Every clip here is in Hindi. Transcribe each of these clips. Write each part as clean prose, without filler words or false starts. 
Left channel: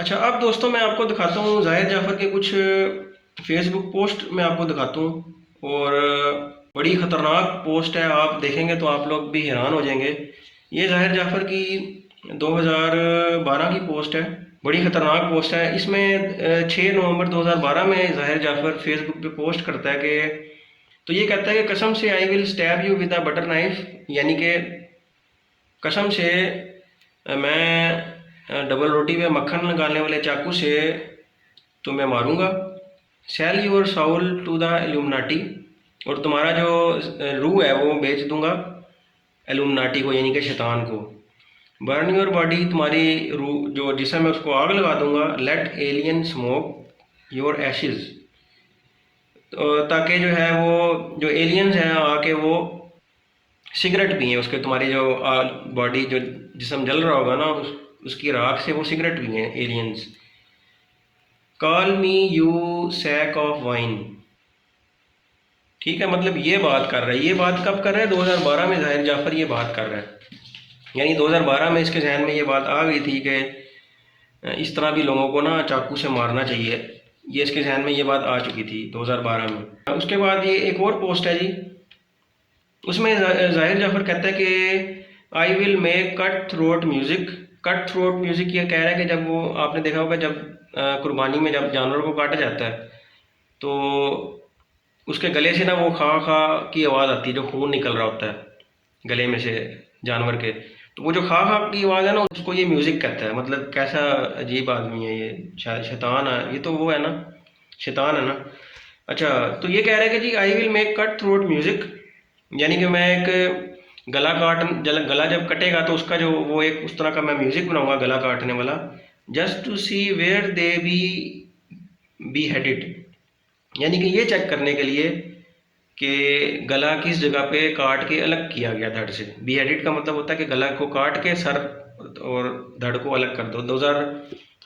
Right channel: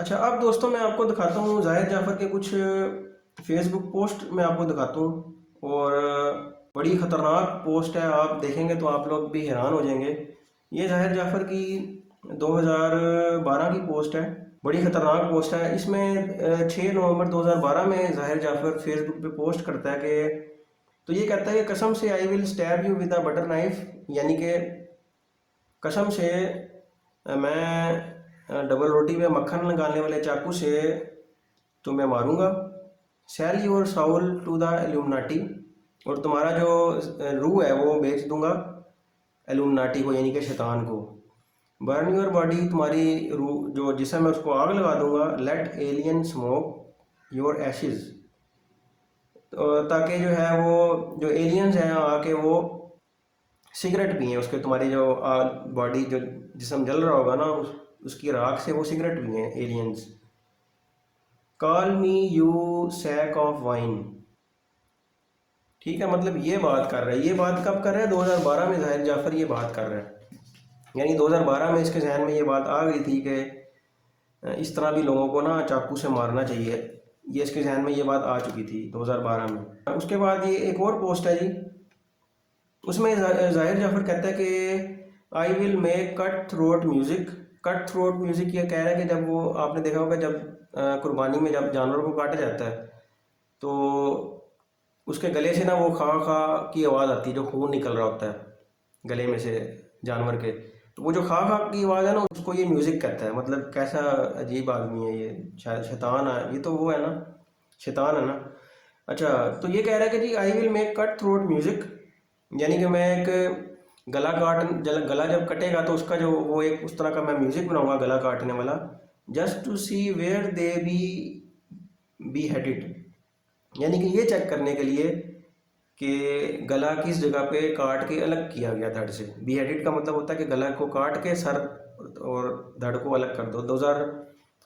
अच्छा, अब दोस्तों मैं आपको दिखाता हूँ ज़ाहिर जाफ़र के कुछ फेसबुक पोस्ट मैं आपको दिखाता हूँ और बड़ी ख़तरनाक पोस्ट है। आप देखेंगे तो आप लोग भी हैरान हो जाएंगे। ये ज़ाहिर जाफ़र की 2012 की पोस्ट है। बड़ी ख़तरनाक पोस्ट है। इसमें 6 नवंबर 2012 में ज़ाहिर जाफ़र फेसबुक पे पोस्ट करता है कि तो ये कहता है कि कसम से I will stab you with a butter knife, यानी कि कसम से मैं डबल रोटी पे मक्खन लगाने वाले चाकू से तुम्हें मारूंगा। Sell your soul to the Illuminati, और तुम्हारा जो रूह है वो बेच दूंगा एल्यूमनाटी को, यानी कि शैतान को। बर्न योर बॉडी, तुम्हारी रूह जो जिस्म है उसको आग लगा दूंगा। Let alien smoke your ashes, ताकि जो है वो जो एलियंस हैं आके वो सिगरेट पिए, उसके तुम्हारी जो बॉडी जो जिस्म जल रहा होगा ना उसकी राख से वो सिगरेट पिए aliens. Call me you sack of wine. ठीक है, मतलब ये बात कर रहा है। ये बात कब कर रहा है? 2012 में ज़ाहिर जाफ़र ये बात कर रहा है। यानी 2012 में इसके जहन में ये बात आ गई थी कि इस तरह भी लोगों को ना चाकू से मारना चाहिए। ये इसके जहन में ये बात आ चुकी थी 2012 में। उसके बाद ये एक और पोस्ट है जी, उसमें ज़ाहिर जाफ़र कहता है कि आई will make cut throat music. Cut throat music ये कह रहा है कि जब वो आपने देखा होगा जब कुर्बानी में जब जानवर को काटा जाता है तो उसके गले से ना वो खा खा की आवाज़ आती है, जो खून निकल रहा होता है गले में से जानवर के। तो वो जो खा खा की आवाज़ है ना उसको ये म्यूज़िक कहता है। मतलब कैसा अजीब आदमी है ये, शैतान है ये, तो वो है ना, शैतान है ना। अच्छा, तो ये कह रहा है कि जी I will make cut throat music, यानी कि मैं एक गला जब कटेगा तो उसका जो वो एक उस तरह का मैं म्यूज़िक बनाऊंगा गला काटने वाला। Just to see where they be headed, यानी कि ये चेक करने के लिए कि गला किस जगह पे काट के अलग किया गया धड़ से। बी हेडेड का मतलब होता है कि गला को काट के सर और धड़ को अलग कर दो।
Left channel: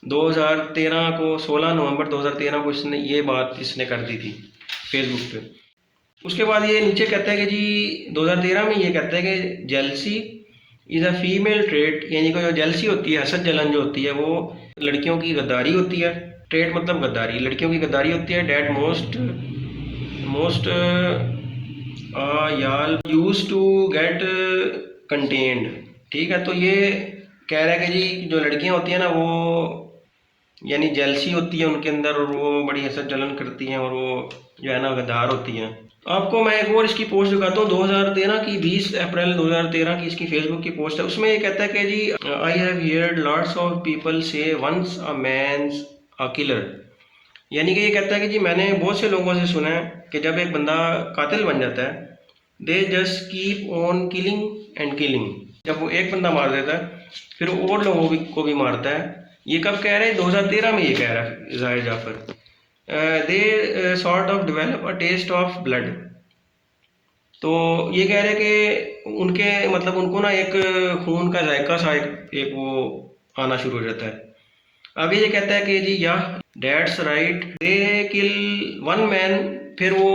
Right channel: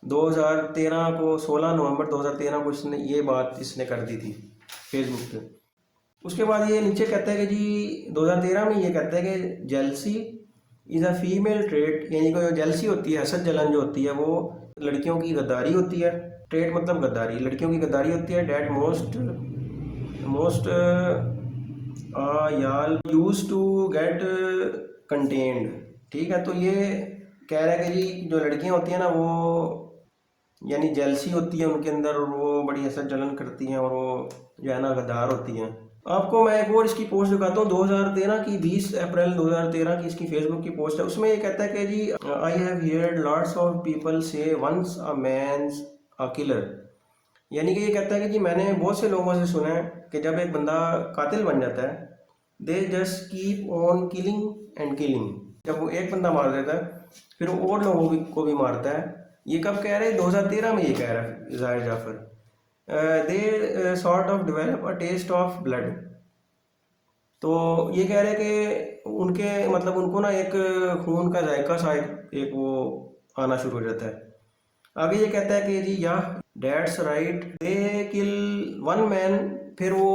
2013 को 16 नवंबर 2013 को इसने ये बात इसने कर दी थी फेसबुक पे। उसके बाद ये नीचे कहता है कि जी 2013 में ये कहता है कि jealousy is a female trait, यानी कि जो जेलसी होती है, हसद जलन जो होती है, वो लड़कियों की गद्दारी होती है। ट्रेट मतलब गद्दारी, लड़कियों की गद्दारी होती है। डैट मोस्ट मोस्ट याल यूज टू गेट कंटेन्ड। ठीक है, तो ये कह रहा है कि जी जो लड़कियां होती हैं ना वो यानी जेलसी होती है उनके अंदर और वो बड़ी हसद जलन करती हैं और वो जो है ना गद्दार होती हैं। आपको मैं एक और इसकी पोस्ट दिखाता हूँ। 2013 की 20 अप्रैल 2013 की इसकी फेसबुक की पोस्ट है। उसमें ये कहता है कि जी I have heard lots of people say once a man's a killer, यानी कि ये कहता है कि जी मैंने बहुत से लोगों से सुना है कि जब एक बंदा कातिल बन जाता है they just keep on killing and killing, जब वो एक बंदा मार देता है फिर वो और लोगों को भी मारता है। ये कब कह रहे हैं? 2013 में ये कह रहा है Zahir Jafar. They sort of develop a taste of blood, तो ये कह रहे हैं कि उनके मतलब उनको ना एक खून का जायका सा एक वो आना शुरू हो जाता है। आगे ये कहता है कि जी या that's right they kill one man, फिर वो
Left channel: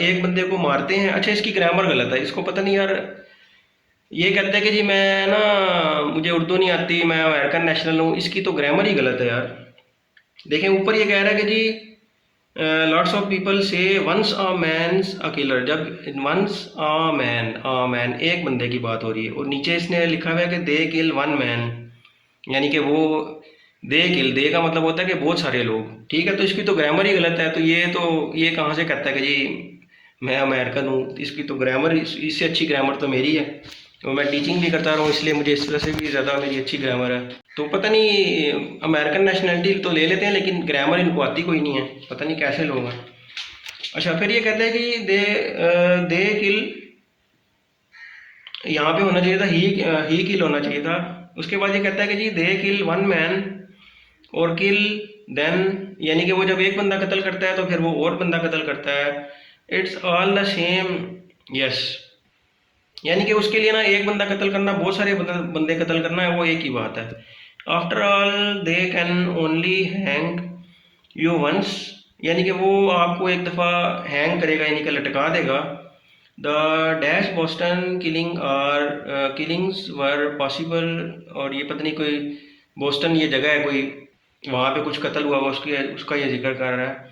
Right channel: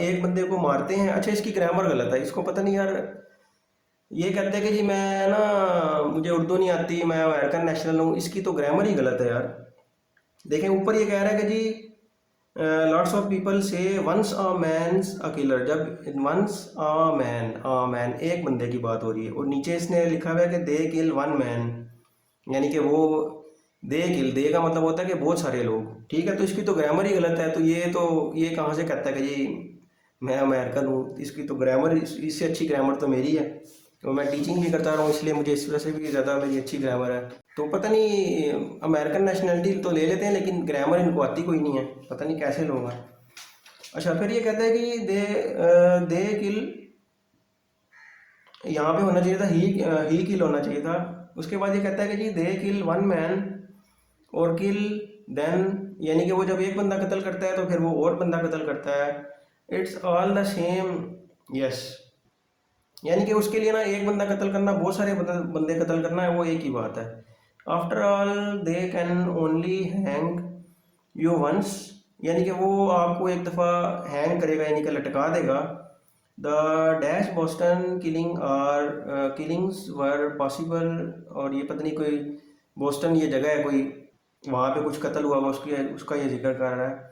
एक बंदे को मारते हैं। अच्छा, इसकी ग्रामर गलत है, इसको पता नहीं यार। ये कहता है कि जी मैं ना मुझे उर्दू नहीं आती, मैं अमेरिकन नेशनल हूँ, इसकी तो ग्रामर ही गलत है यार। देखें ऊपर ये कह रहा है कि जी lots of people say once a man's a killer, जब वंस अ मैन एक बंदे की बात हो रही है, और नीचे इसने लिखा हुआ है कि दे किल वन मैन, यानी कि वो दे किल, दे का मतलब होता है कि बहुत सारे लोग। ठीक है, तो इसकी तो ग्रामर ही गलत है। तो ये कहाँ से कहता है कि जी मैं अमेरिकन हूँ? इसकी तो ग्रामर इससे अच्छी ग्रामर तो मेरी है, और मैं टीचिंग भी करता रहा हूँ इसलिए मुझे इस तरह से भी ज़्यादा मेरी अच्छी ग्रामर है। तो पता नहीं अमेरिकन नेशनलिटी तो ले लेते हैं लेकिन ग्रामर इनको आती कोई नहीं है, पता नहीं कैसे लोग हैं। अच्छा, फिर ये कहते हैं कि दे किल, यहाँ पे होना चाहिए था ही किल होना चाहिए था। उसके बाद ये कहता है कि जी दे किल वन मैन और किल देन, यानी कि वो जब एक बंदा कत्ल करता है तो फिर वो और बंदा कत्ल करता है। It's all the same, yes, यानी कि उसके लिए ना एक बंदा कत्ल करना, बहुत सारे बंदे कत्ल करना है, वो एक ही बात है। After all they can only hang you once, यानी कि वो आपको एक दफ़ा हैंग करेगा, यानी कि लटका देगा। The dash Boston killing or killings were possible, और ये पता नहीं कोई बोस्टन ये जगह है कोई, वहाँ पे कुछ कत्ल हुआ उसकी उसका ये जिक्र कर रहा है।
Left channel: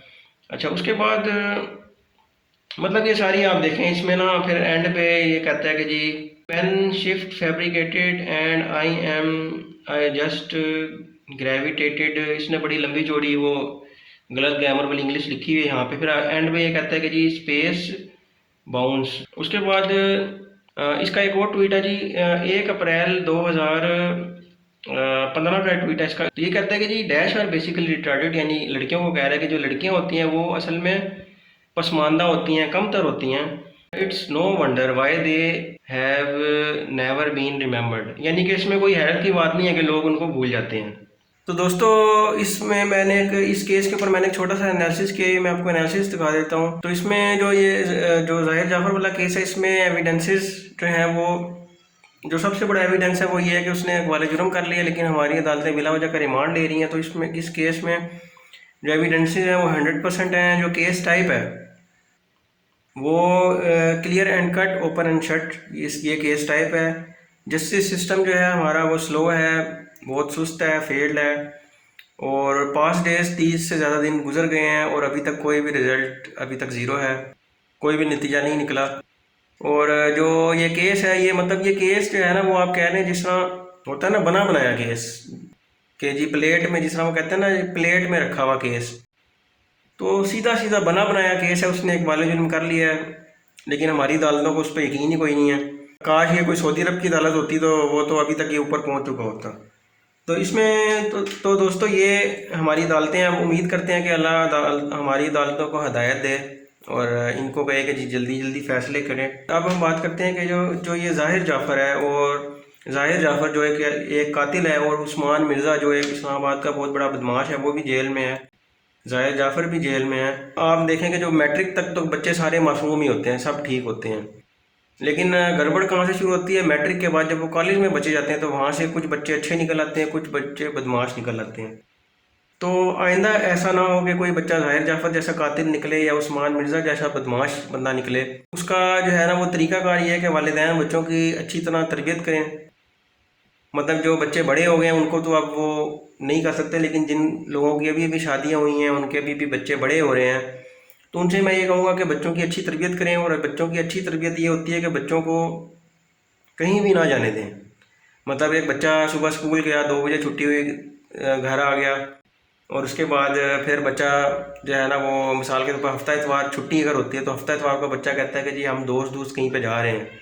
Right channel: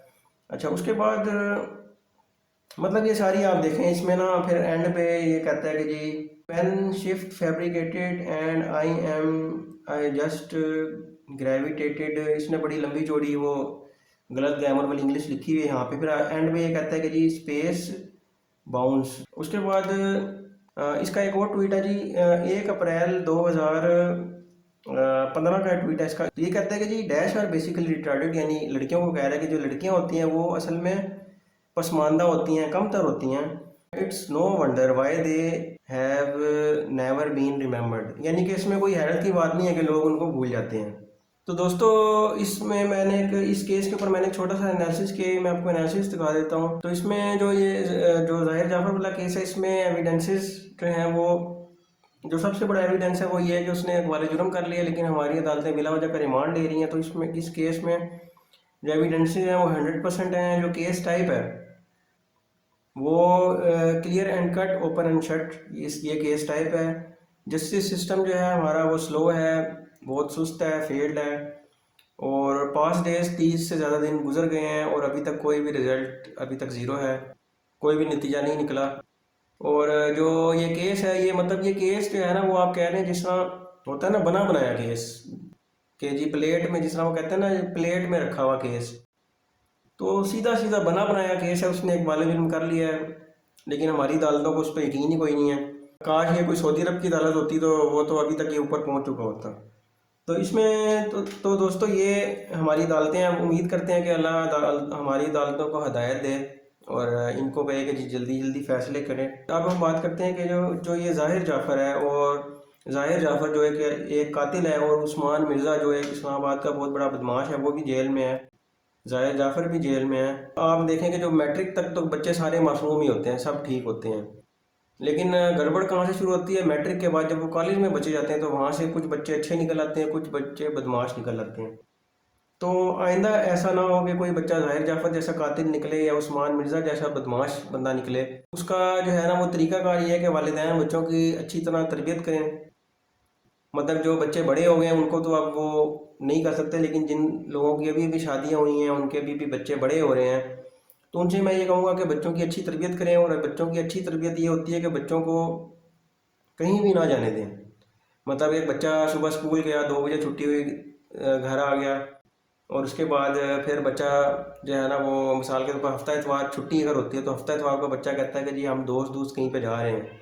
अच्छा उसके बाद मतलब ये सारी आप देखें इसमें ना, फिर एंड पे ये कहता है कि जी pen shift fabricated and I just gravitated. इसने बड़ी लंबी चौड़ी वो गलत ग्रामर वाली इंग्लिश लिखी हुई है यहाँ पे। फिर एंड में ये कहता है कि जी स्पेस बाउंस। उसके बाद इसका एक और ट्वीट है जी, 1 अप्रैल 2015 का ट्वीट है इसका। तो ये कहता है कि जी डैश आर बेसिकली रिटार्डेड, यानी लड़कियों को कह रहा है कि जो लड़कियां होती हैं वो असल में पसमानदा होती हैं, कमतर होती हैं। It's no wonder why they have never been remembered, यानी कि इसमें कोई हैरत की बात नहीं है कि लोग उनको भूल जाते हैं। तो दोस्तों इसमें मैंने इस केस के ऊपर मैंने एक छोटा सा एनालिसिस किया, मैं आपको एनालिसिस दिखा देता हूँ। तो इसमें जो ये जो जाहिर जाफर वाला केस है, इसमें एविडेंसेस जो हैं वो, जो सबसे बड़ा एविडेंस है वो ये है कि उसने वाले जुर्म कर लिया, लेकिन हमारी अदालतें बिला वजह का रिमांड ले रही हैं। तो इसमें इस केस में जो एविडेंसेस हैं वो 100% हैं। जो केस टाइप है वो clear and cut, open and shut, ये केस टाइप है। जस्टिस सिस्टम जो है हमारा वो स्लो है, बहुत सुस्त है, फेल्ड है। और 5 डेज 30 से ज़्यादा दिन गुजर गए हैं और अभी तक कोई भी रिज़ल्ट अभी तक ज़ीरो है, कोई भी नतीजा नहीं निकला। और जो ये केस है, ये मतलब ये केस जो है ना वो आप कह रहे हैं जिस तरह होता है ना बना बनाया केस, कि जी प्लेट में, जिस तरह वो कहते हैं ना प्लेट में रखा हुआ केस, तो सीधा सीधा बना बनाया केस है। उसने एक बाले जुर्म कर लिया है, लेकिन हमारी अदालतों को उस पर यकीन ही कोई नहीं है। काश ये कोई सऊदी अरब की अदालत होती तो वो तो अभी तक ये ऊपर पहुंच चुका होता। तो इसमें तो दोस्तों ये हमारी अदालतें, हम उम्मीद करते हैं कि अल्लाह हमारी अदालतों को हदायत दे और इनको कहे कि जी जल्दी जल्दी फैसले करें। अब हम बात करते हैं कि जो जो ये जाहिर जाफ़र है, और जाहिर जाफ़र जो है कि एक कातिल है, और उस्मान मिर्ज़ा जो एक इस्लामाबाद का बहुत बड़ा बदमाश है वो भी जेल में है, जाहिर जाफ़र भी जेल में है। आप देखेंगे जो मैट्रिक तक तो बच्चे सारे मासूम ही होते हैं, सब ठीक होते हैं, लेकिन गड़बड़ कहाँ से शुरू होती है, मैट्रिक के बाद जब वो कॉलेज में बच्चे जाते हैं तो वहाँ से कुछ बच्चे अच्छे निकल आते हैं, कुछ बच्चे बदमाश निकल आते हैं। तो आइंदा ऐसा ना हो कि कोई बच्चा जाहिर जाफर जैसा कातिल निकले या उस्मान मिर्ज़ा जैसा बदमाश बंदा निकले। उसका जो है ना वो तरीकाकार ये है कि वालिदैन बच्चों की अच्छी तरह तरबियत करें। मतलब जो बच्चे बड़े हो गए हैं उनको तो अब वो नहीं कर सकते, लेकिन जिन लोगों की अभी अभी शादियाँ हुई हैं, उनके अभी भी बच्चे बड़े हो रहे हैं, तो उनसे मैं ये कहूँगा कि बच्चों की अच्छी तरबियत करें। और बच्चों की अच्छी तरबियत ये होती है कि बच्चों को कहीं भी ना जाने दें। मतलब एक बच्चा सुबह स्कूल गया, 2 बजे छुट्टी हुई, घर आ गया, और उसके बाद फिर बच्चा जो है ना वो मिसाल के तौर पर हफ्ता इतवार छुट्टी अगर होती है तो हफ्ता इतवार को बच्चा कहता है कि जी हम दोस्त दोस्त कहीं पे जा रहे हैं,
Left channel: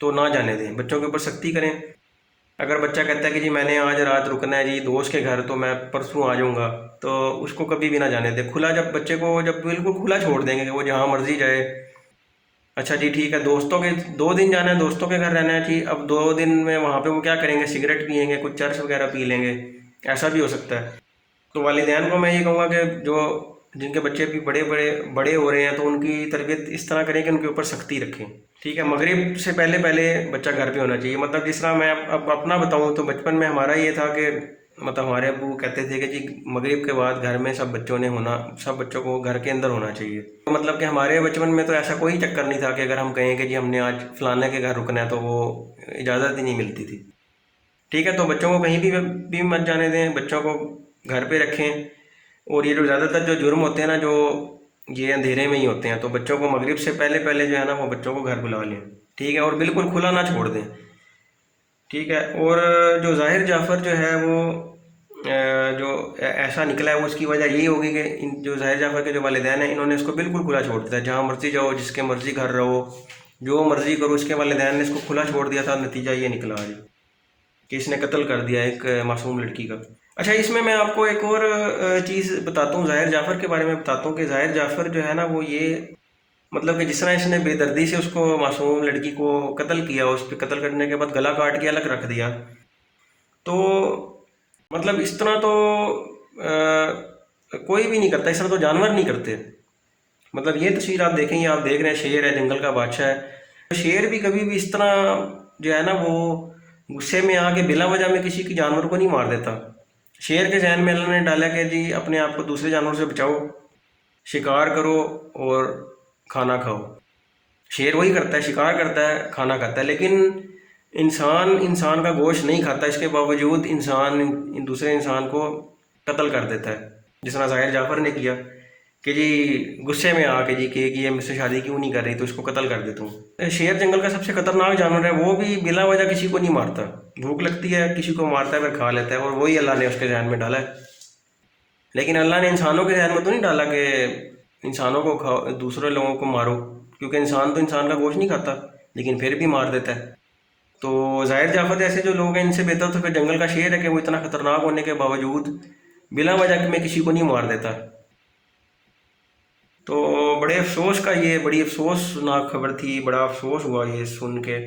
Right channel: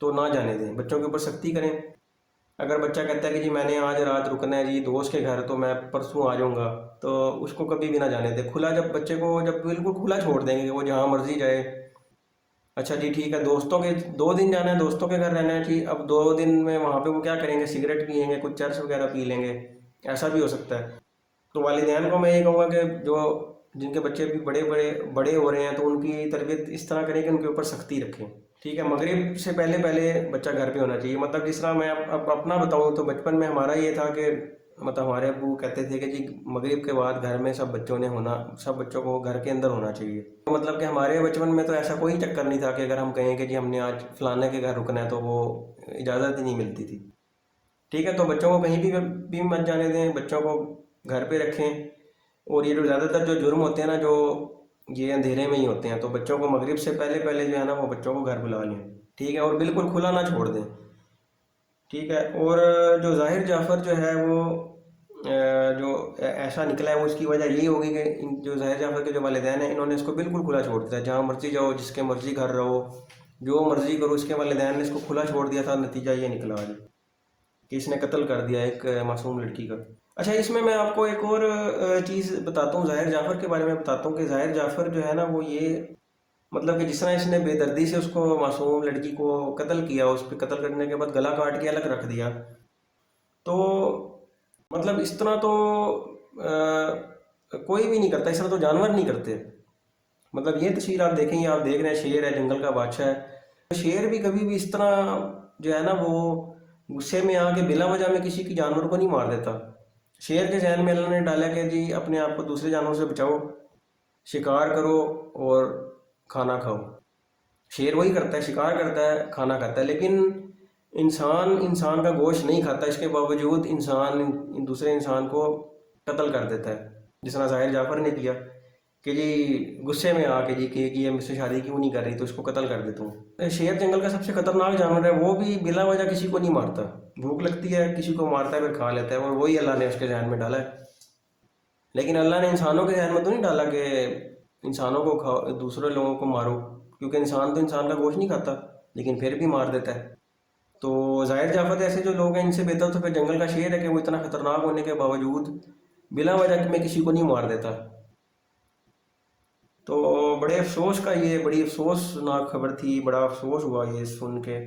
तो ना जाने दें, बच्चों के ऊपर सख्ती करें। अगर बच्चा कहता है कि जी मैंने आज रात रुकना है जी दोस्त के घर, तो मैं परसों आ जाऊँगा, तो उसको कभी भी ना जाने दें खुला। जब बच्चे को जब बिल्कुल खुला छोड़ देंगे कि वो जहाँ मर्जी जाए, अच्छा जी ठीक है, दोस्तों के 2 दिन जाना है, दोस्तों के घर रहना है जी, अब 2 दिन में वहाँ पे वो क्या करेंगे, सिगरेट पियेंगे, कुछ चर्च वगैरह पी लेंगे, ऐसा भी हो सकता है। तो वालिदैन को मैं ये कहूँगा कि जो जिनके बच्चे भी बड़े बड़े बड़े हो रहे हैं तो उनकी तरबियत इस तरह करें कि उनके ऊपर सख्ती रखें। ठीक है, मगरिब से पहले पहले बच्चा घर पे होना चाहिए। मतलब जिस तरह मैं अब अपना बताऊँ तो बचपन में हमारा ये था कि मतलब हमारे अब्बू कहते थे कि जी मगरिब के बाद घर में सब बच्चों ने होना, सब बच्चों को घर के अंदर होना चाहिए। तो मतलब कि हमारे बचपन में तो ऐसा कोई चक्कर नहीं था कि अगर हम कहें कि जी हमने आज फलाने के घर रुकना है तो वो इजाज़त ही नहीं मिलती थी। ठीक है, तो बच्चों को कहीं भी मत जाने दें, बच्चों को घर पे रखें। और ये जो ज़्यादातर जो जुर्म होते हैं ना, जो ये अंधेरे में ही होते हैं, तो बच्चों को मगरिब से पहले पहले जो है ना वो बच्चों को घर बुला लें। ठीक है, और बिल्कुल खुला ना छोड़ दें। ठीक है, और जो जाहिर जाफ़र जो है वो जो ऐसा निकला है वो उसकी वजह यही होगी कि इन जो जाहिर जाफ़र के जो वालिदैन हैं इन्होंने इसको बिल्कुल खुला छोड़ दिया, जहाँ मर्जी जाओ, जिसके मर्जी घर रहो, जो मर्जी करो, उसके वालिदैन ने इसको खुला छोड़ दिया था। नतीजा ये निकला है कि इसने कत्ल कर दिया एक मासूम लड़की का। अच्छा, इसमें मैं आपको एक और चीज़ बताता हूँ, जाहिर जाफ़र के बारे में बताता हूँ कि जाहिर जाफ़र जो है ना वो ये मतलब कि जिस तरह इसने बेदर्दी से उसको मासूम लड़की को कत्ल किया, उस पर कत्ल करने के बाद गला काट के अलग रख दिया, तो मतलब इस तरह तो कोई भी नहीं करता, इस तरह तो जानवर नहीं करते। मतलब ये तस्वीर आप देखें, ये आप देख रहे हैं शेर है, जंगल का बादशाह है, तो शेर भी कभी भी इस तरह जो है ना वो गुस्से में आके बिला वजह में किसी की जानवर को नहीं मार देता। शेर के जहन में अल्लाह ने डाला कि जी अपने आप को दूसरे जानवर से बचाओ, शिकार करो और खाना खाओ। शेर वही करता है, शिकार करता है, खाना खाता है। लेकिन इंसान इंसान का गोश्त नहीं खाता, इसके बावजूद इंसान दूसरे इंसान को कत्ल कर देता है, जिस तरह ज़ाहिर जाफ़र ने किया कि जी गुस्से में आके जी कि ये मुझसे शादी क्यों नहीं कर रही, तो इसको कत्ल कर देता हूँ। शेर जंगल का सबसे खतरनाक जानवर है, वो भी बिला वजह किसी को नहीं मारता, भूख लगती है किसी को मारता है फिर खा लेता है, और वही अल्लाह ने उसके जहन में डाला है। लेकिन अल्लाह ने इंसानों के जहन में तो नहीं डाला कि इंसानों को खाओ, दूसरे लोगों को मारो, क्योंकि इंसान तो इंसान का गोश्त नहीं खाता, लेकिन फिर भी मार देता है। तो ज़ाहिर जाफर जैसे जो लोग हैं, इनसे बेहतर तो फिर जंगल का शेर है कि वो इतना खतरनाक होने के बावजूद बिला वजह में किसी को नहीं मार देता। तो बड़े अफसोस का, ये बड़ी अफसोसनाक खबर थी, बड़ा अफसोस हुआ ये सुन के।